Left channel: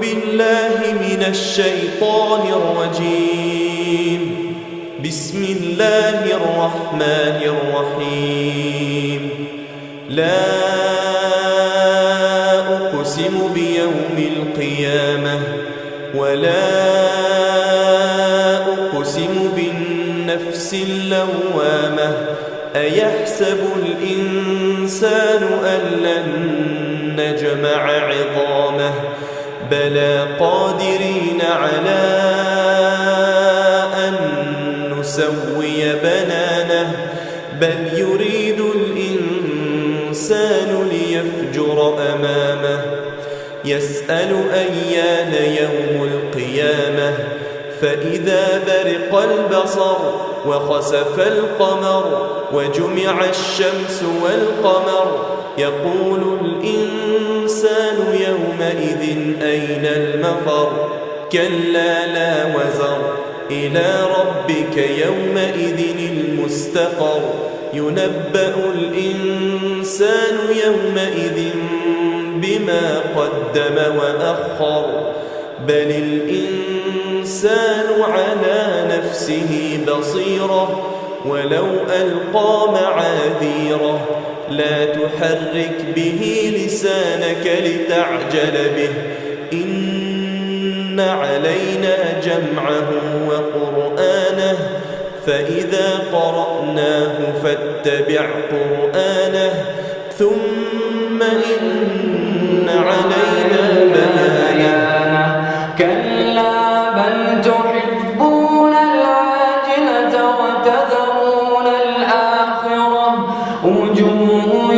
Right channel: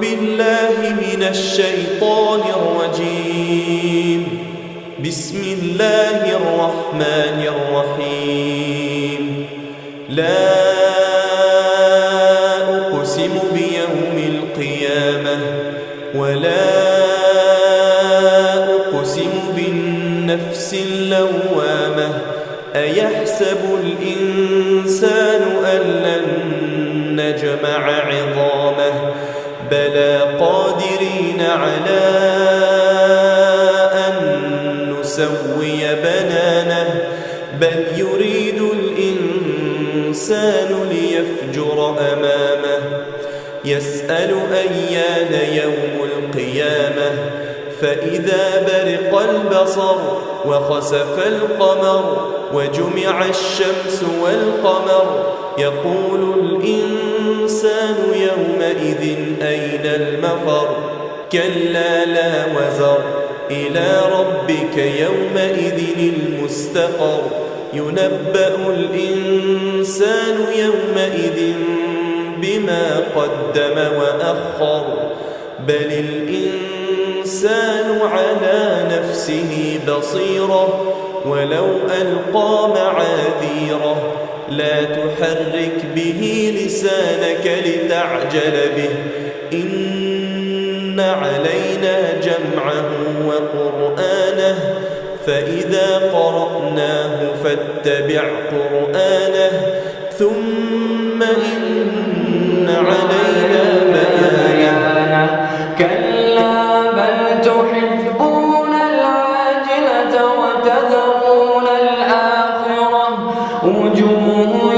بالله من الشيطان الرجيم. بسم الله الرحمن الرحيم. لا أقسم بيوم القيامة ولا أقسم بالنفس اللوامة أيحسب الإنسان أن لن نجمع عظامه بلى قادرين على أن نسوي بنانه بل يريد الإنسان ليفجر أمامه يسأل أيان يوم القيامة فإذا برق البصر وخسف القمر وجمع الشمس والقمر يقول الإنسان يومئذ أين المفر كلا لا وزر إلى ربك يومئذ المستقر ينبأ الإنسان يومئذ بما قدم وأخر بل الإنسان على نفسه بصيرة ولو ألقى معاذيره لا تحرك به لسانك لتعجل به إن علينا جمعه وقرآنه فإذا قرأناه فاتبع قرآنه ثم إن علينا بيانه كلا بل تحبون العاجلة وتذرون الآخرة وجوه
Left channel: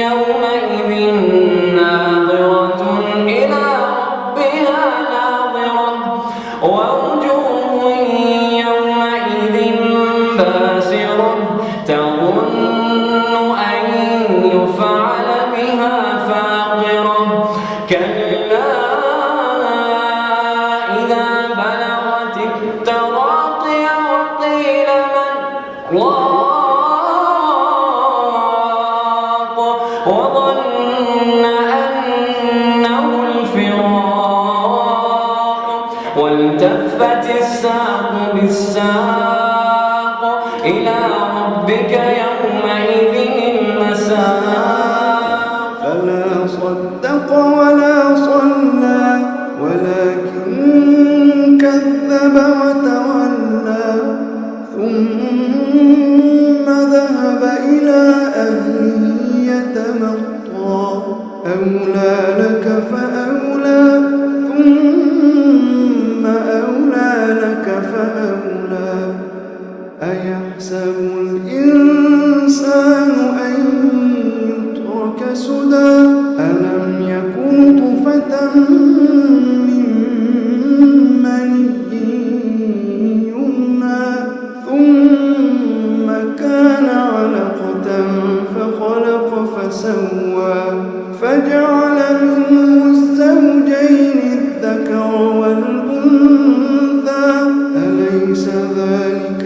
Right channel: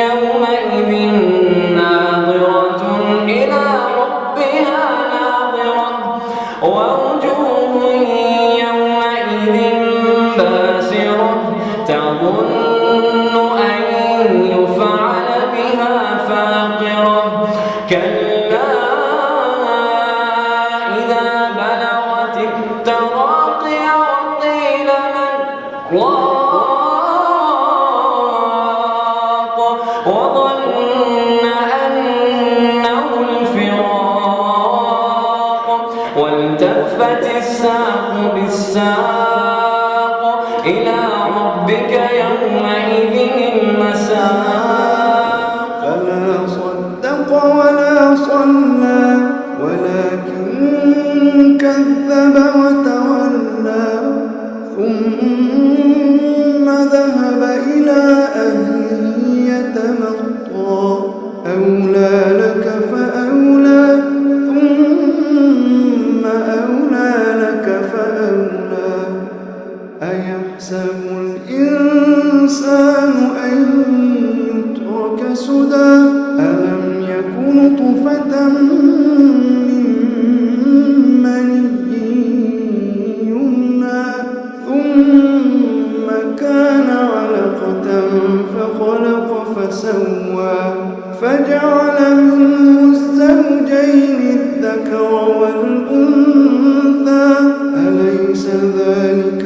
يومئذ ناظرة إلى ربها ناظرة ووجوه يومئذ باسرة تظن أن يفعل بها فاقرة كلا إذا بلغت التراقي وقيل من راق وظن أنه الفراق والتفت الساق بالساق إلى ربك يومئذ المساق فلا صدق ولا صلى ولكن كذب وتولى ثم ذهب إلى أهله يتمطى أولى لك فأولى ثم أولى لك فأولى أيحسب الإنسان أن يترك سدى ألم يكن نطفة من مني يمنى ثم كان علقة فخلق فسوى فجعل منه الزوجين الذكر والأنثى أليس ذلك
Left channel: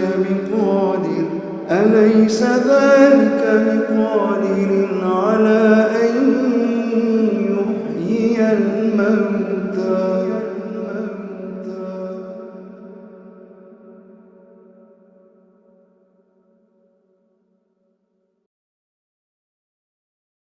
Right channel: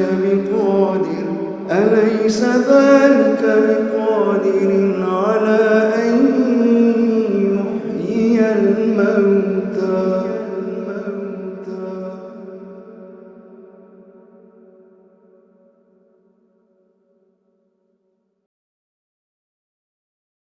بقادر على